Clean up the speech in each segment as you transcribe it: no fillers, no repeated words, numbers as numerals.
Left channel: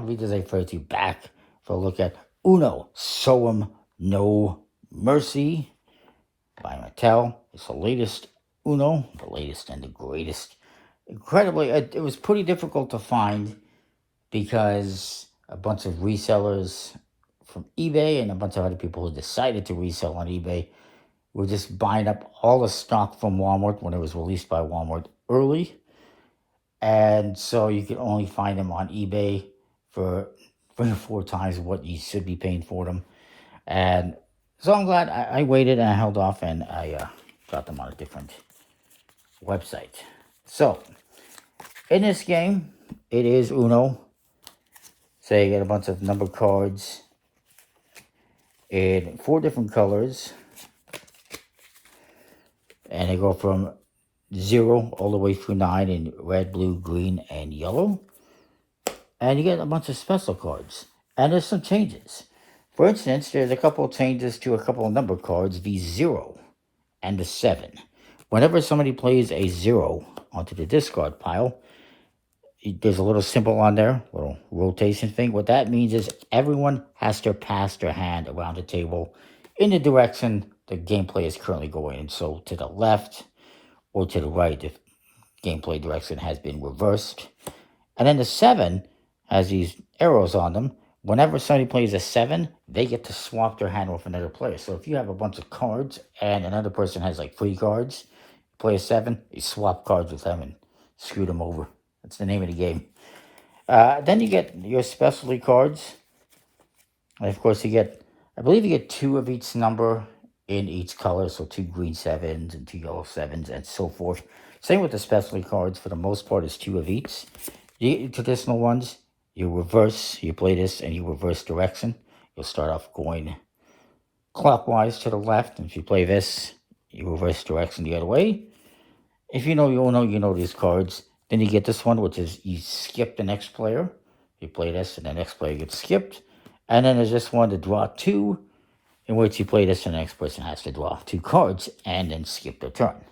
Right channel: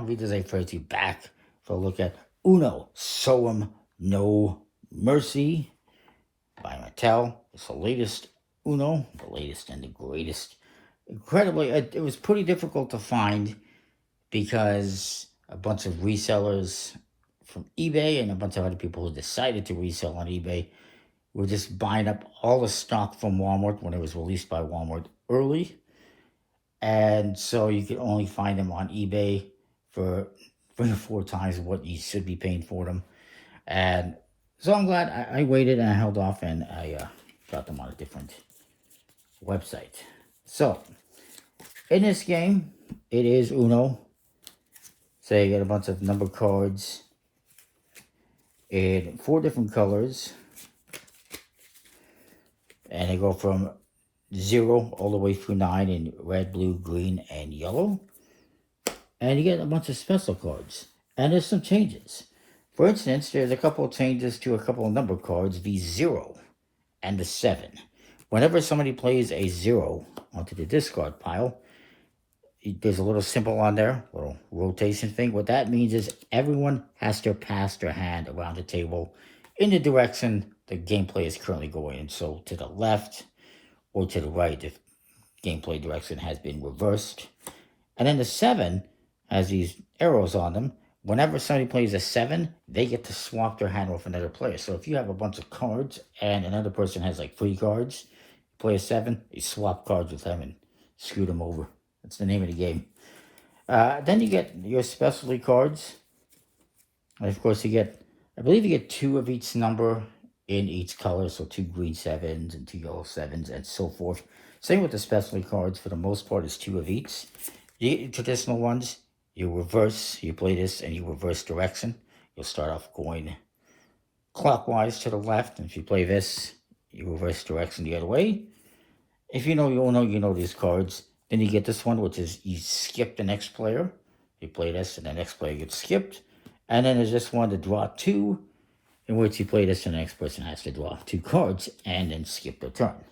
everyone. We just refer to you back for a look at Uno, Show 'em No Mercy by Mattel. It's the latest Uno, the latest and the greatest. Incredibly, it was pretty difficult to find because a bunch of resellers from eBay and a bunch of other people who decided to resell on eBay were just buying up all the stock from Walmart when it was released by Walmart early. And so you can only find them on eBay for 3 or 4 times what you should be paying for them. And so I'm glad I waited and I held off and I got them on a different website. So, in this game, it is Uno. So you get a bunch of number cards in 4 different colors. And they go from 0 all the way through 9 in red, blue, green, and yellow. And you get a bunch of special cards. And there's some changes. For instance, there's a couple of changes to a couple of number cards, the 0 and the 7. Whenever somebody plays a 0 onto the discard pile, there's a little symbol on there, a little rotation thing. What that means is everyone has to pass their hand around the table in the direction the gameplay is currently going. So to the left or to the right if gameplay direction has been reversed. And then the 7 has these arrows on them. Whenever somebody plays a 7, they get to swap their hand with another player. So if you have a bunch of cards and another person has like 3 cards, you play a 7, you swap cards with them and screw them over. That's the name of the game. Then you get your specialty cards. And of course you get, I believe you get 2 of each number in each color. So 2 green 7s and 2 yellow 7s and so forth. Same with the specialty cards. For the most part, it's 2 of each. The traditional ones, you reverse, you play this and you reverse direction. You'll start off going clockwise to the left. And if you play this, you reverse direction the other way. If you know these cards. Then you get this one, which is you skip the next player. You play this and the next player gets skipped. And then there's this one to draw 2, in which you play this and the next person has to draw 2 cards and then skip their turn.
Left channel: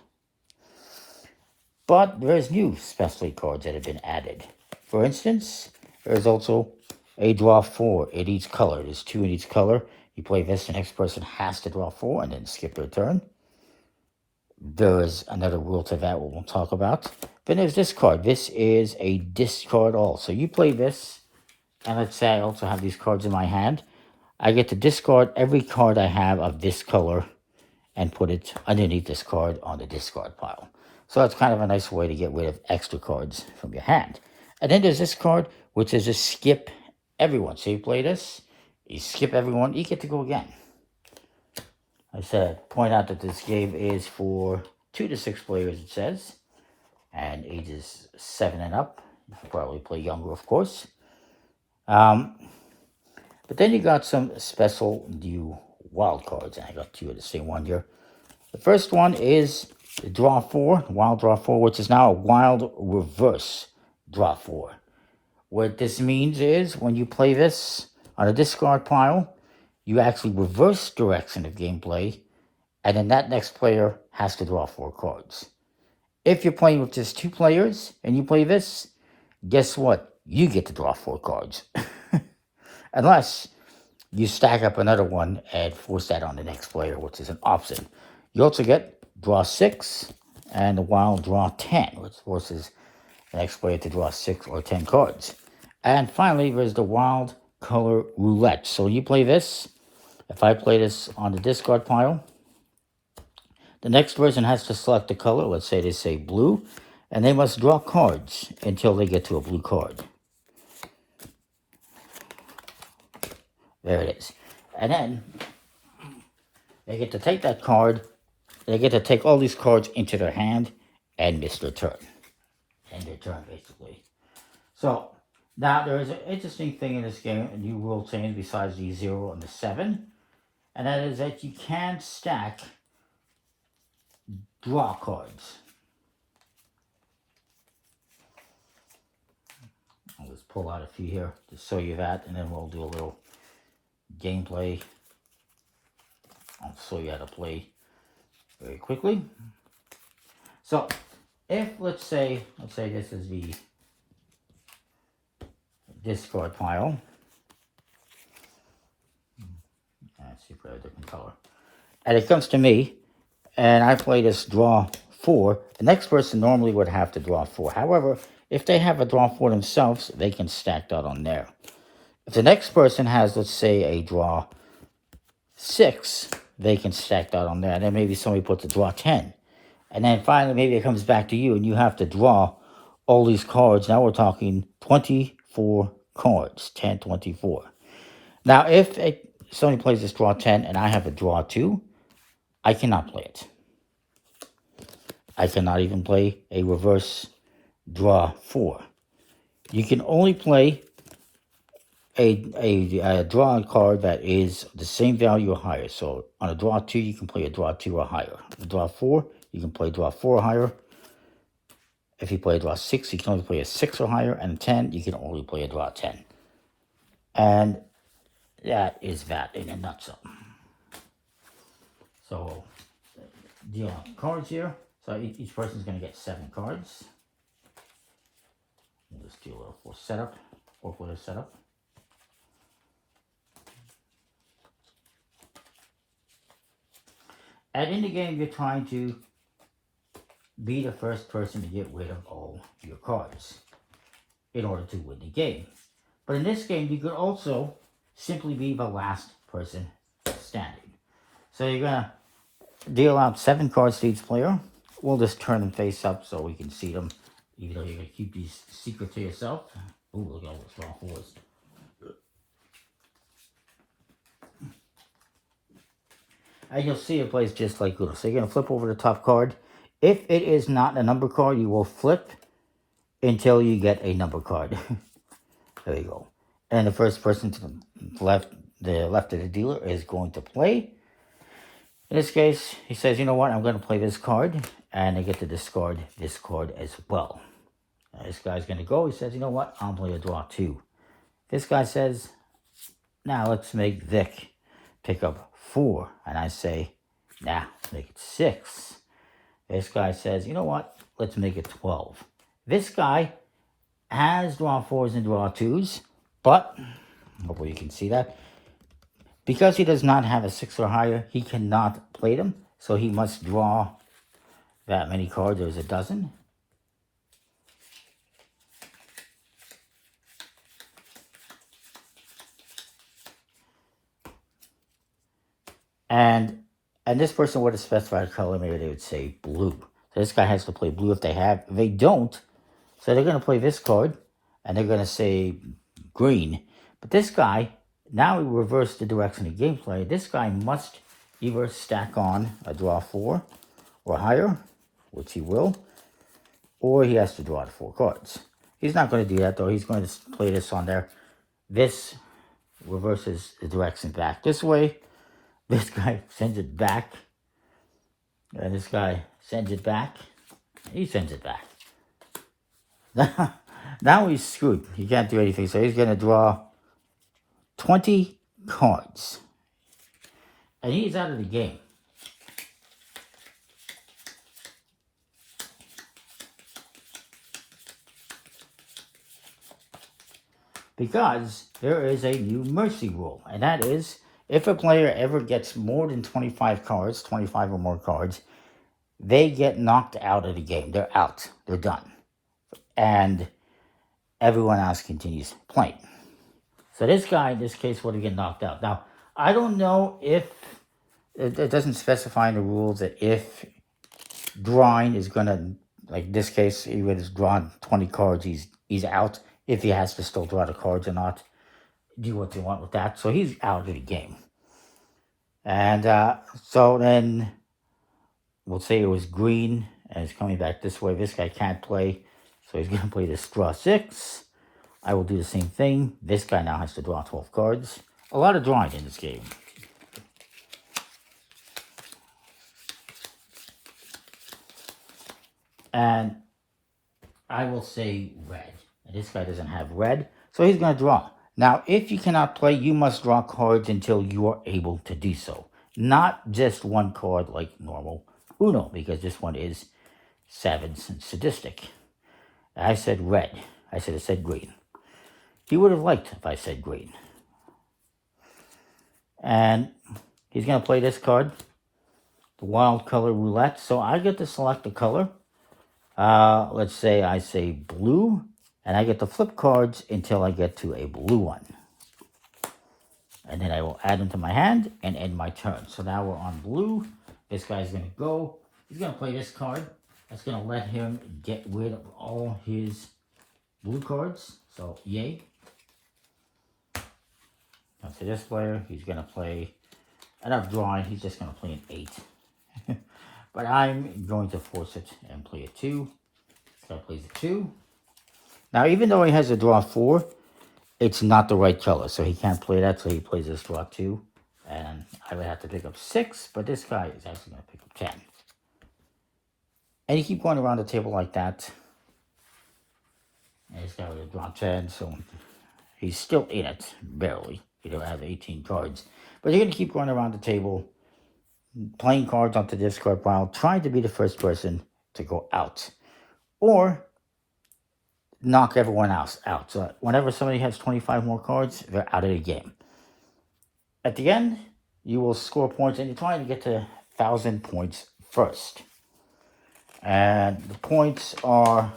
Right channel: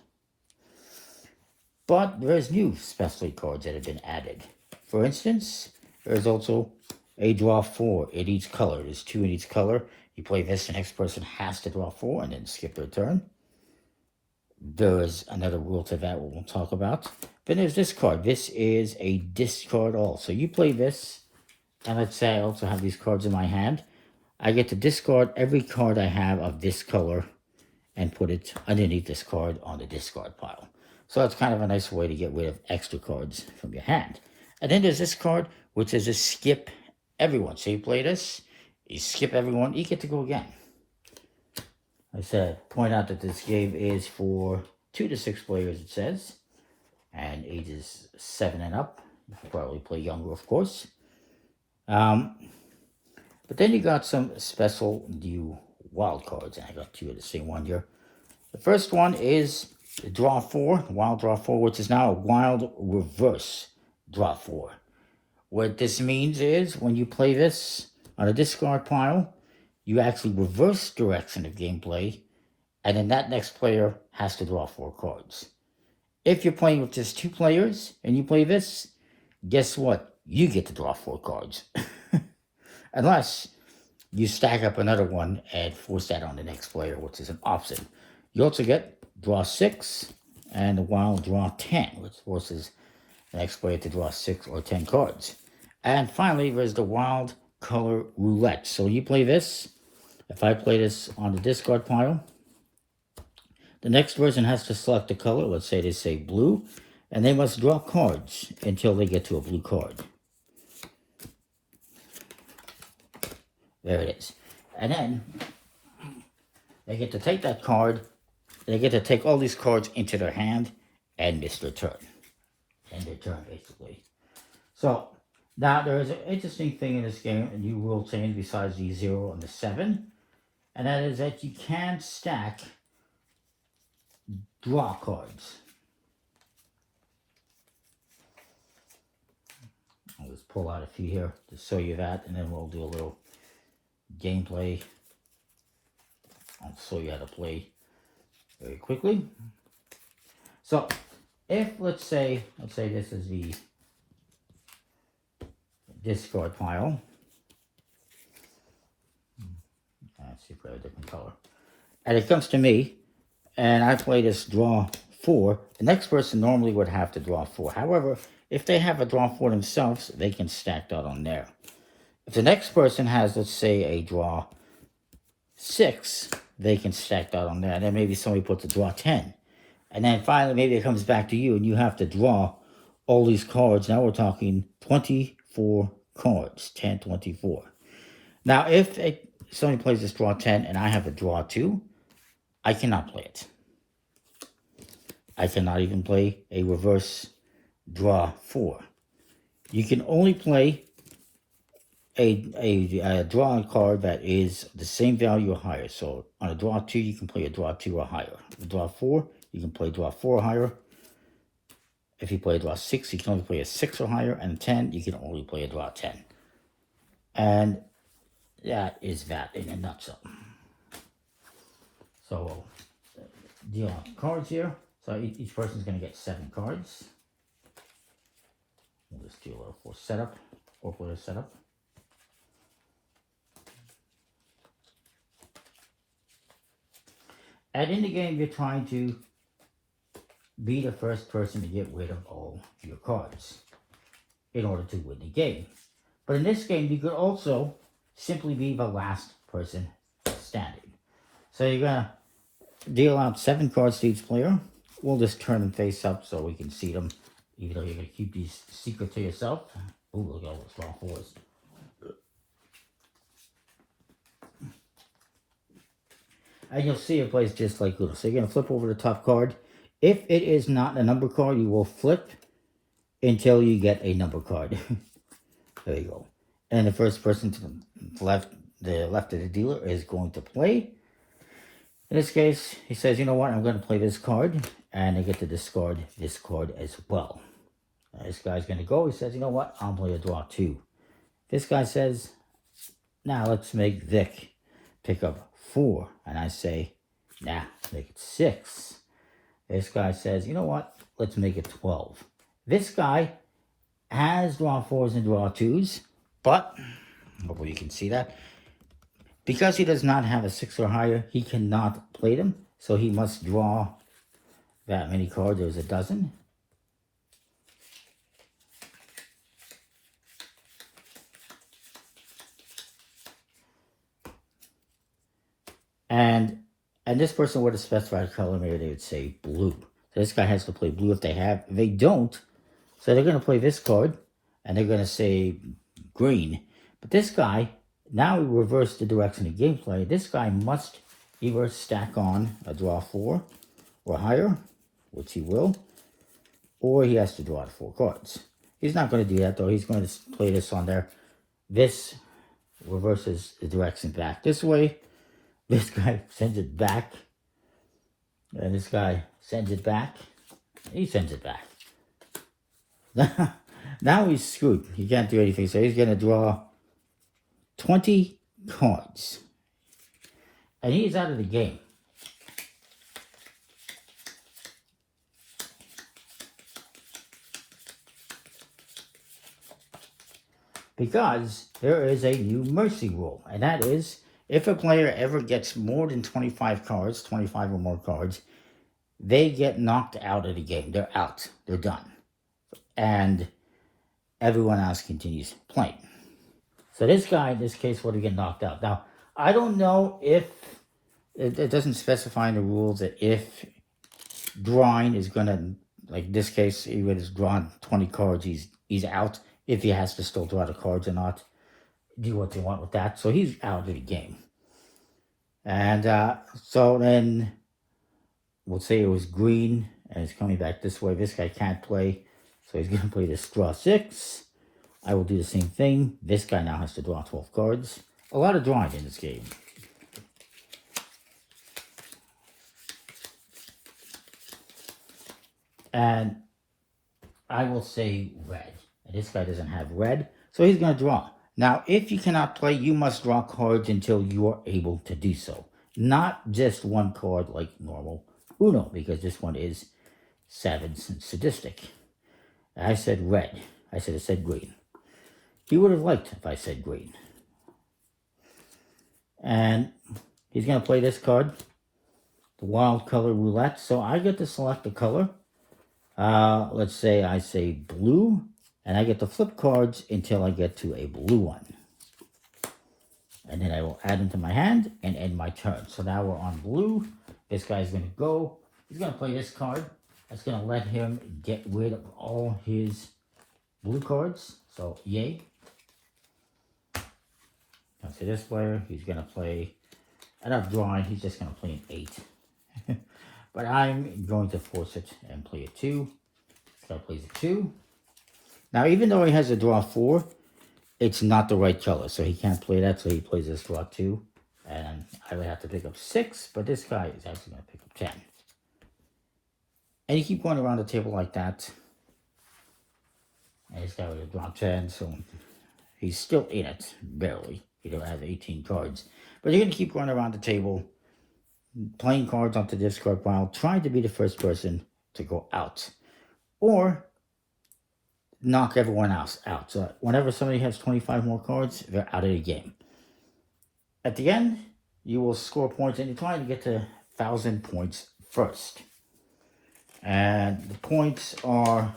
But there's new specialty cards that have been added. For instance, there's also a draw 4 in each color. There's 2 in each color. You play this, the next person has to draw 4 and then skip their turn. There is another rule to that we'll talk about. Then there's this card. This is a discard all. So you play this, and let's say I also have these cards in my hand. I get to discard every card I have of this color and put it underneath this card on the discard pile. So that's kind of a nice way to get rid of extra cards from your hand. And then there's this card, which is a skip everyone. So you play this, you skip everyone, you get to go again. I said, point out that this game is for 2 to 6 players, it says, and ages 7 and up. You can probably play younger, of course. But then you got some special new wild cards, and I got 2 of the same one here. The first one is Draw 4, Wild Draw 4, which is now a Wild Reverse Draw 4. What this means is when you play this on a discard pile, you actually reverse direction of gameplay, and then that next player has to draw 4 cards. If you're playing with just 2 players and you play this, guess what? You get to draw 4 cards. Unless you stack up another one and force that on the next player, which is an option. You also get draw 6 and the wild draw 10, which forces the next player to draw 6 or 10 cards. And finally, there's the wild color roulette. So you play this. If I play this on the discard pile, the next person has to select a color. Let's say they say blue, and they must draw cards until they get to a blue card. There it is. And then they get to take that card. They get to take all these cards into their hand and miss their turn. End their turn, basically. So now there is an interesting thing in this game, a new rule change besides the 0 and the 7. And that is that you can stack draw cards. I'll just pull out a few here to show you that, and then we'll do a little gameplay. I'll show you how to play very quickly. So, if let's say this is the discard pile. Let's see if I have a different color. And it comes to me, and I play this draw 4. The next person normally would have to draw 4. However, if they have a draw 4 themselves, they can stack that on there. If the next person has, let's say, a draw 6, they can stack that on there. And then maybe somebody puts a draw 10. And then finally, maybe it comes back to you, and you have to draw all these cards. Now we're talking 24 cards, 10, 24. Now, if somebody plays this draw 10 and I have a draw 2, I cannot play it. I cannot even play a reverse draw 4. You can only play a draw card that is the same value or higher. So on a draw 2, you can play a draw 2 or higher. A draw 4, you can play draw 4 or higher. If you play a draw 6, you can only play a 6 or higher. And 10, you can only play a draw 10. And that is that in a nutshell. So we'll deal out cards here. So each person's going to get 7 cards. We'll just do a little for setup, hopefully a setup. And in the game, you're trying to be the first person to get rid of all your cards in order to win the game. But in this game, you could also simply be the last person standing. So you're going to deal out 7 cards to each player. We'll just turn them face up so we can see them, even though you're going to keep these secret to yourself. Ooh, look at all those draw 4s. And you'll see it plays just like Uno. So you're going to flip over the top card. If it is not a number card, you will flip until you get a number card. There you go. And the first person to the left of the dealer is going to play. In this case, he says, you know what, I'm going to play this card. And I get to discard this card as well. This guy's going to go. He says, you know what, I'll play a draw 2. This guy says, now let's make Vic pick up 4. And I say, nah, let's make it 6. This guy says, you know what, let's make it 12. This guy has draw 4s and draw 2s, but, hopefully you can see that, because he does not have a 6 or higher, he cannot play them, so he must draw that many cards. There's a dozen. And this person would have specified color. Maybe they would say blue. So this guy has to play blue if they have. If they don't, so they're going to play this card, and they're going to say green. But this guy, now we reverse the direction of gameplay. This guy must either stack on a draw 4 or higher, which he will, or he has to draw the 4 cards. He's not going to do that, though. He's going to play this on there. This reverses the direction back this way. This guy sends it back. And this guy sends it back. He sends it back. Now he's screwed. He can't do anything. So he's going to draw 20 cards. And he's out of the game. Because there is a new mercy rule. And that is, if a player ever gets more than 25 cards, 25 or more cards, they get knocked out of the game. They're out. They're done. And everyone else continues playing. So this guy, in this case, would get knocked out. Now, I don't know if, it doesn't specify in the rules that if drawing is going to, like this case, he would have drawn 20 cards, he's out. If he has to still draw the cards or not. Do what you want with that. So he's out of the game. And so then we'll say it was green and it's coming back this way. This guy can't play. So he's going to play this draw 6. I will do the same thing. This guy now has to draw 12 cards. A lot of drawing in this game. And I will say red. And this guy doesn't have red. So he's going to draw. Now, if you cannot play, you must draw cards until you are able to do so. Not just one card like normal Uno, because this one is savage and sadistic. I said red. I should have said green. he would have liked if I said green. And he's going to play this card, the Wild Color Roulette. So I get to select the color. Let's say I say blue, and I get to flip cards until I get to a blue one. And then I will add them to my hand and end my turn. So now we're on blue. This guy's going to go. He's going to play this card. That's going to let him get rid of all his blue cards. So, yay. So this player, he's going to play, out of drawing, he's just going to play an 8. But I'm going to force it and play a 2. This guy plays a 2. Now, even though he has a draw 4, it's not the right color, so he can't play that, so he plays this draw 2. And I would have to pick up 6, but this guy is actually going to pick up 10. And you keep going around the table like that. And this guy would have drawn 10, so he's still in it, barely. He don't have 18 cards. But you're going to keep going around the table, playing cards onto the discard pile, trying to be the first person to go out. Or knock everyone else out. So whenever somebody has 25 more cards, they're out of the game. At the end, you will score points, and you're trying to get to 1,000 points first. And the points are,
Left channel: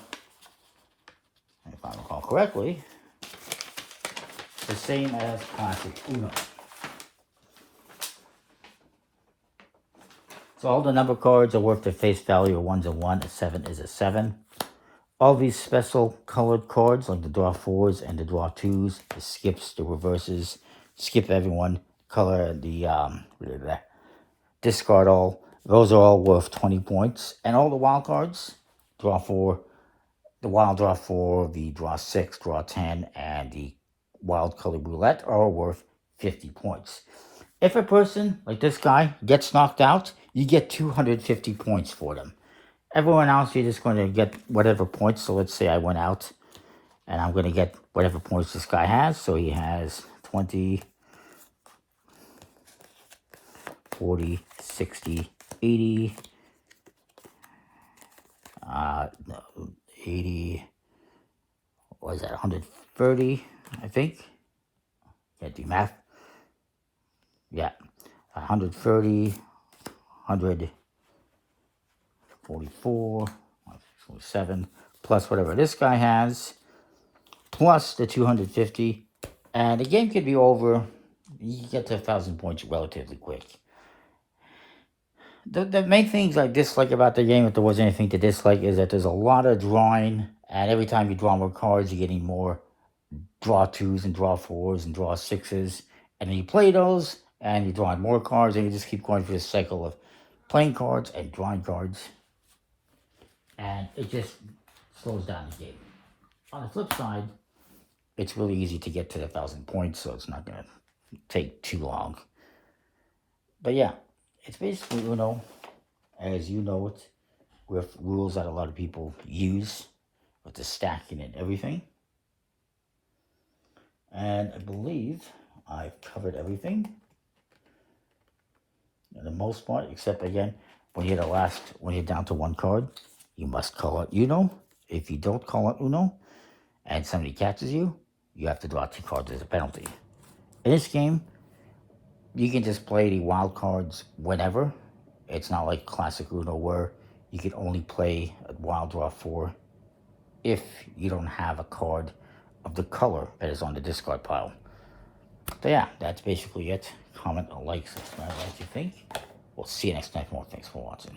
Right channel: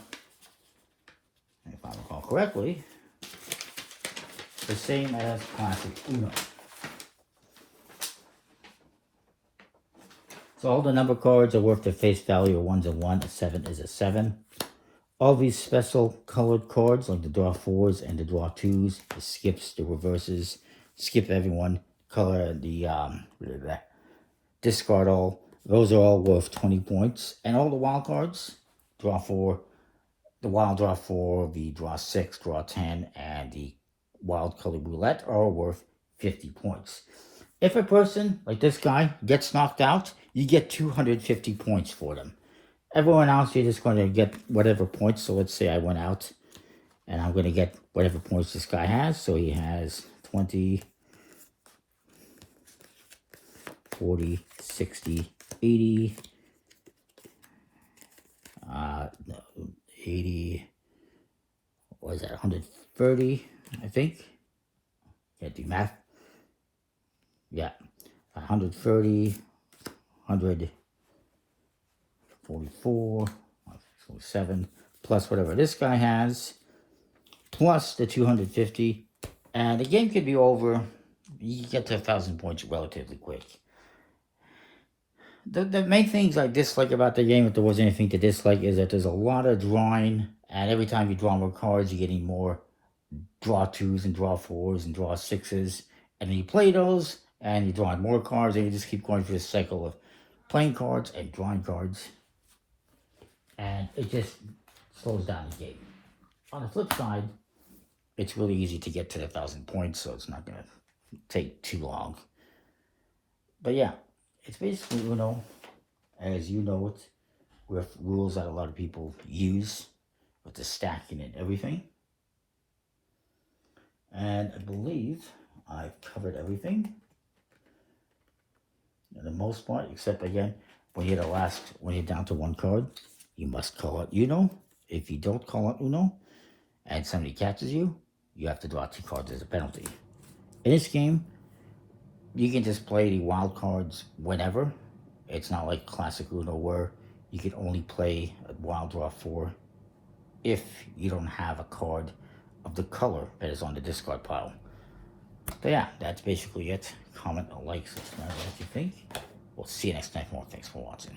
if I recall correctly, the same as classic Uno. So all the number cards are worth their face value. A 1's a 1, a 7 is a 7. All these special colored cards, like the draw 4s and the draw 2s, the skips, the reverses, skip everyone, color the discard all. Those are all worth 20 points. And all the wild cards, draw 4, the wild draw 4, the draw 6, draw 10, and the wild colored roulette are worth 50 points. If a person, like this guy, gets knocked out, you get 250 points for them. Everyone else, you're just going to get whatever points. So let's say I went out, and I'm going to get whatever points this guy has. So he has 20, 40, 60, 80, 80, what is that, 130, I think. Can't do math. Yeah, 130, 144, 47, plus whatever this guy has, plus the 250, and the game could be over. You can get to 1,000 points relatively quick. The main things I dislike about the game, if there was anything to dislike, is that there's a lot of drawing, and every time you draw more cards, you're getting more draw 2s and draw 4s and draw 6s, and then you play those, and you're drawing more cards, and you just keep going through this cycle of playing cards and drawing cards, and it just slows down the game. On the flip side, it's really easy to get to the 1,000 points, so it's not going to take too long. But yeah, it's basically Uno, as you know it, with rules that a lot of people use, with the stacking and everything. And I believe I've covered everything, for the most part, except again, when you're when you're down to one card, you must call out Uno. If you don't call out Uno, and somebody catches you, you have to draw 2 cards as a penalty. In this game, you can just play the wild cards whenever. It's not like classic Uno where you can only play a wild draw 4 if you don't have a card of the color that is on the discard pile. So yeah, that's basically it. Comment, like, subscribe, what you think. We'll see you next time. More thanks for watching.